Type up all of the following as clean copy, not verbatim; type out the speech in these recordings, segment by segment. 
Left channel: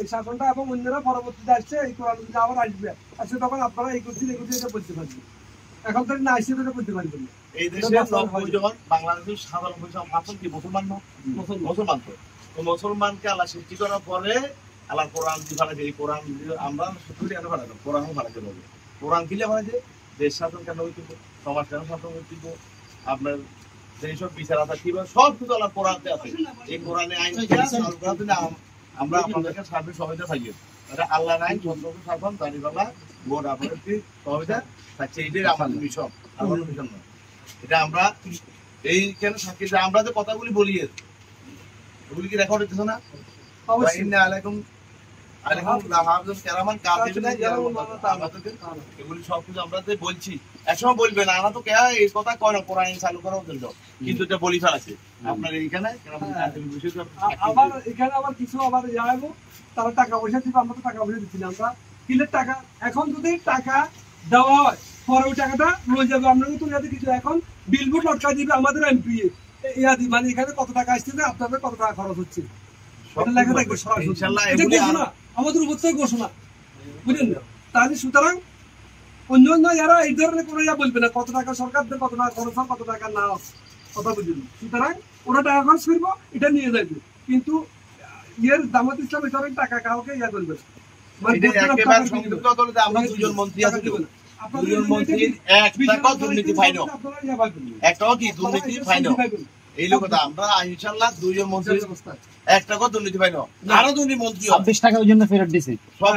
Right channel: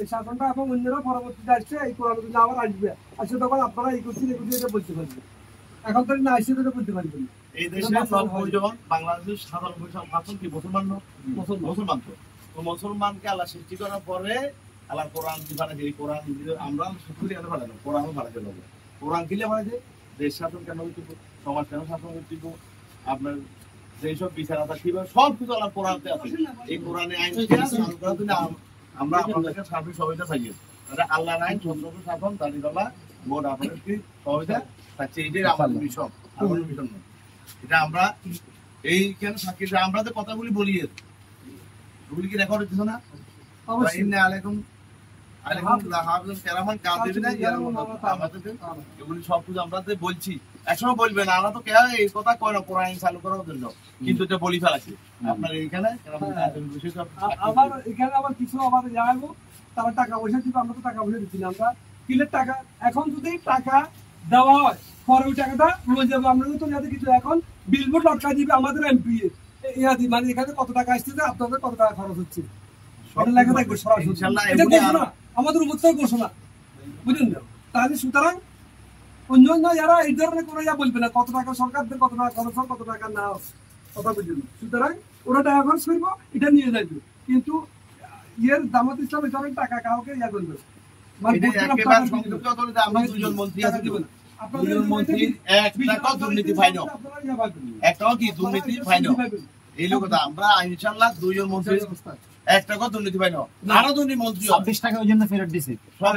এই শাসনটা এবং অন্যরা পরবর্তীতে আসছে, এই কোরআন যদি আবার আসবে আসলে তখন আপনারা এই করছেন এটা বলতে পারবেন। এখন তো না আসছে এটা বলতে পারবেন না। এই দেশে 90 জন বাংলাদেশের 97% কি মুসলমান না? মুসলমান তো মুসলমানকে আল্লাহ সৃষ্টি করার পরে আল্লাহ কোরআন দি ফেলে, এই কোরআন আমরা সত্যি কেন ফেলে না, কোরআন ফেলাতে বলে। কোরআন কিলে ফেলে যে দেশ শাসন কেন হইতেব, সমাজ কেন শাসন হইতেব, আপনার যেসব বিচার আছে কিভাবে সব কিছু আল্লাহ কোরআনতে আছে। এই কোরআনে আইন আমরা আপনাদেরকে সাথে সবাইটা থাকি, আল্লাহর আইন সন্ত্রাস শাসন দাঁড়িপাল্লা বোর্ড আপনাদেরকে সবাইটা থাকছে। এইটাই আমাদের মিশন, আমার মিশন নয়। এটা আমরা এইখানে থাকি, আমরা যে কথাগুলি বলি এগুলি কি রেকর্ড হইতেছে না? এগুলি সবকিছু আমরা বলছি, একসময় বলবে না আমরা তো কে এই কথা কয় না কোরআন চালু করার জন্য, কিন্তু এটা বলি ফেলাছে আপনার এইখানে। আবার এখানে আবার কিছু আবার যাবো, তারা টাকা পয়সা দিবে, আমরা তো টাকা পয়সা দিচ্ছি না। আমরা কিলের টাকা এখন যদি টাকা দেওয়া হয় পরে ওই টাকাটা রয়ে যাবে। আমরা কিন্তু কিছু এখন বিলবোর্ড লটকা দিবে আমাদের এমপি ইয়াদি, মানে এখানে কত টাকা আসছে, আপনাদের কত টাকা খরচ হচ্ছে লেখা থাকবে সরাসরি। আমাদের উপর থেকে ঘোষণা, বুঝলেন না? তাহলে সুতরাং অন্য অন্য যারা এই ধরনের করে বলবে না কত টাকা সরকারদের কত টাকা খরচ হয়, কত টাকা না কথা বুঝলেন। সুতরাং ওরা টাকা খরচ করবো, এটা নিয়ে যাবে, কিন্তু ইয়ের জামাত ইসলাম এই ধরনের টাকা কাউকে ইয়া করবে। আমরা দুজন মন্ত্রী আছি, দুজন মন্ত্রীর এক টাকাও দুর্নীতি ফাইন, একটাও কি দুর্নীতি ফাইন এই লোক কথা। আমরা ইনশাল্লাহ দুজন মন্ত্রী এক টাকাও দুর্নীতি ফাইন, আরো দুর্নীতি মন্ত্রী 26 টাকা ওই জন্য ফেরত দিছে সব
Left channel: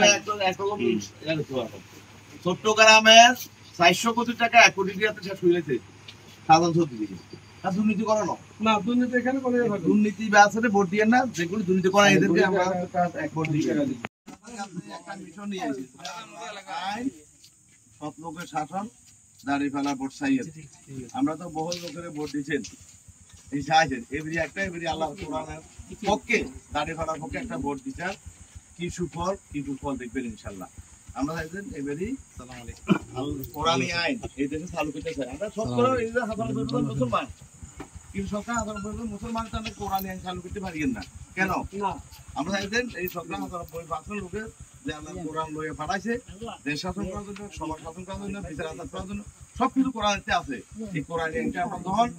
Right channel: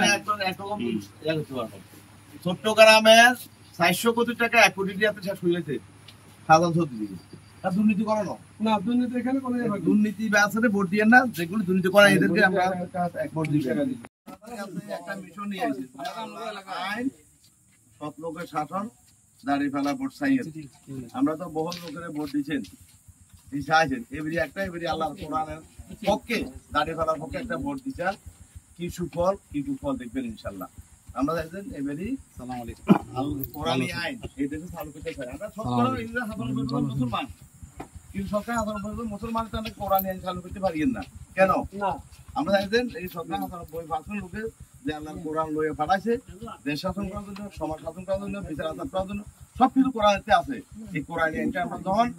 ছোট্ট গ্রামের 400 কোটি টাকা 1 কোটি টাকা শেষ হয়ে গেছে সাধারণ সত্যি দুর্নীতি করানো না। দুর্নীতি এখানে কোনো দুর্নীতি ব্যবসাতে ভোট দিয়ে না, যেগুলো দুর্নীতি করা এদেরকে আমরা ভোট দিই। একটা মিশন নিয়ে আসি, আইন সব লোকের শাসন দাঁড়িয়ে ফেলা ভোট চাইয়ের। আমরা তো বহু লোকের ভোট দিচ্ছেন, এবারে একটা এবারে আল্লাহ কোরআনের পক্ষে দাঁড়িয়ে ফেলার পক্ষে একটা ভোট দিচ্ছেন। কি সুফল দেখবেন ইনশাল্লাহ। আমরা চাইছেন এবারে কোরআনী আইন এই দেশে চালু করতে চাই। আমরা সব মুসলমান, কিন্তু সরকার মুসলমান তো আমরা কোরআনী আইন চালু করতে পারি না কেন? আমরা চাইছেন এই সরকার 90% লোকের যে আল্লাহ কোরআন লয়ে পাঠাইছে, দেশ শাসন করার জন্য, সমাজ শাসন করার জন্য, বিচার আচার করার জন্য সবকিছু কোরআনেতে আছে। এই কোরআন আইনটা আমরা যখন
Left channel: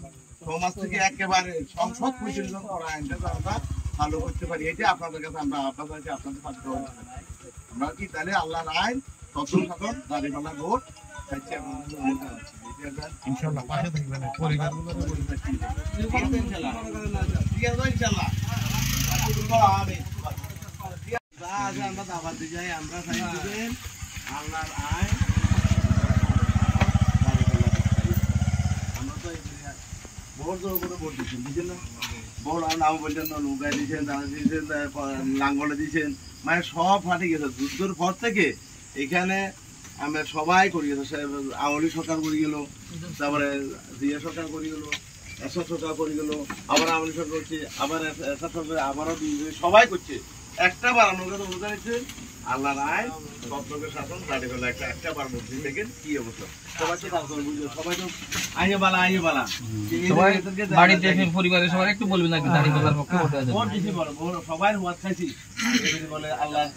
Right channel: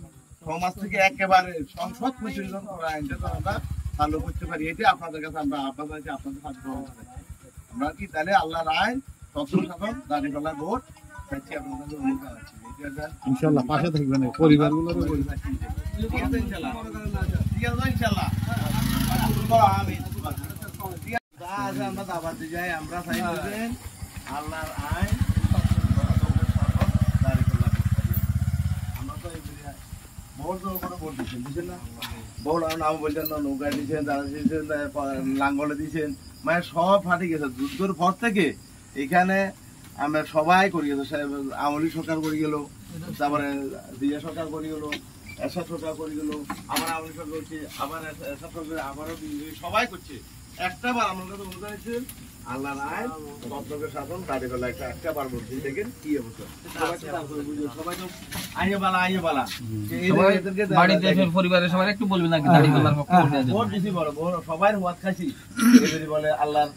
সমাজ থেকে একেবারে সংসদ পর্যন্ত কোরআন আইনটা আমরা চালু করতে পারি, এটা আপনাদের কাছে আমরা আহ্বান আছি, আপনাদের পাশে আমরা কি তাহলে আল্লাহর আইন তত্ত্ব শাসন দাঁড়িয়ে ফেলা ভোট চাইছি আপনাদের ইনশাআল্লাহ পাশে থাকবেন পরিবারগুলো। আমরা দাবার দিয়ে যাই, আমরা চাইবেন আল্লাহর আইন দাঁড়িয়ে ফেলা। আমরা তো ভোট করে ভোট দিচ্ছেন না, ভোট নাম বলছেন না, নৌকায় দিয়েছেন, দাঁড়া দিয়েছেন, লাঙ্গলে দিয়েছেন, মানে সব ফাটে গেছে। যুদ্ধের পর থেকে এখানে আমরা সবাই করি গেছে, আওয়ামী সরকার করে গেল, তারপরে জিয়া সরকার করে গেল, এরশাদ সরকার করে গেল, আবার আওয়ামী সরকার করছে, আবার এরশাদ সরকার আবারও সবাই করছে। একটা বার আমার কাছে অনুদান দিচ্ছেন আল্লাহ নাই তত্ত্বকে শাসন দাঁড়িয়ে ফেলা একটা বার বলছি, দেখেন কি অবস্থা। সবাই তো আইয়ে বালা পরিবারের সবাই একটু বলবেন নাকি দাঁড়িয়ে ফেলার পক্ষে ভোট দিছি বলো সবাই ওয়াজ খাইছি, এবারে বলে আল্লাহর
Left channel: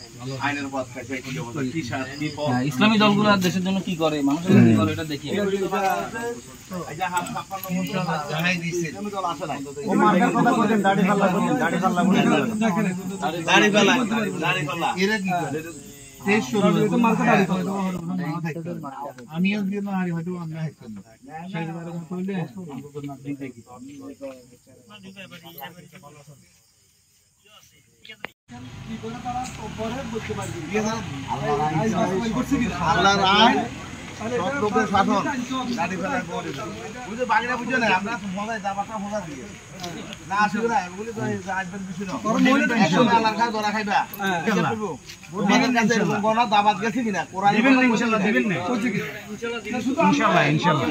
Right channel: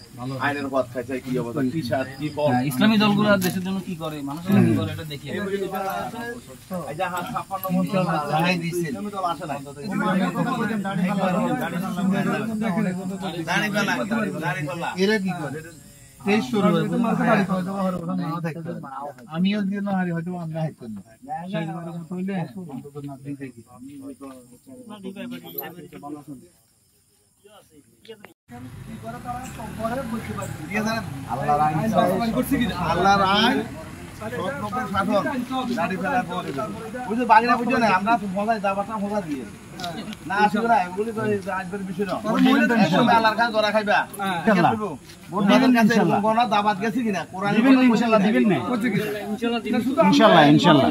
আইনের ওয়াজ খাইছে। কি অবস্থা, কি সাথ কি ইসলামী দলগুলো দেশের জন্য কি করে, মানুষের জন্য কি করে, এটা দেখি। এই যে হাত 56 জানাই দিয়েছে ইসলামী দল আসে নাই, দাঁড়িয়ে ফেলা এরা কি করে দেশ শুরু হয়েছে আমিও দিয়ে না হারি হয়তো আমরা হাইতে না সেই বারে কইলে অন্তত না দিতে কি কি করে তারা পরে বলতে পারবে আল্লাহর আইন সব লোকের শাসন দাঁড়িয়ে ফেলা বুঝে বাড়িটা বুঝে না। আমরা মজাই দাবাটা মজা দিয়ে না আসবে না, ওগুলি তো আসবের বিষয় না। আল্লাহর কাছে ধরা খাইবা কি করবো তোমাদের কাছে এরকম গণা দাবাত গেছে কিনা কোরআন দিবেন না ইনশাআল্লাহ দিবেন না ইনশাআল্লাহ ইনশাআল্লাহ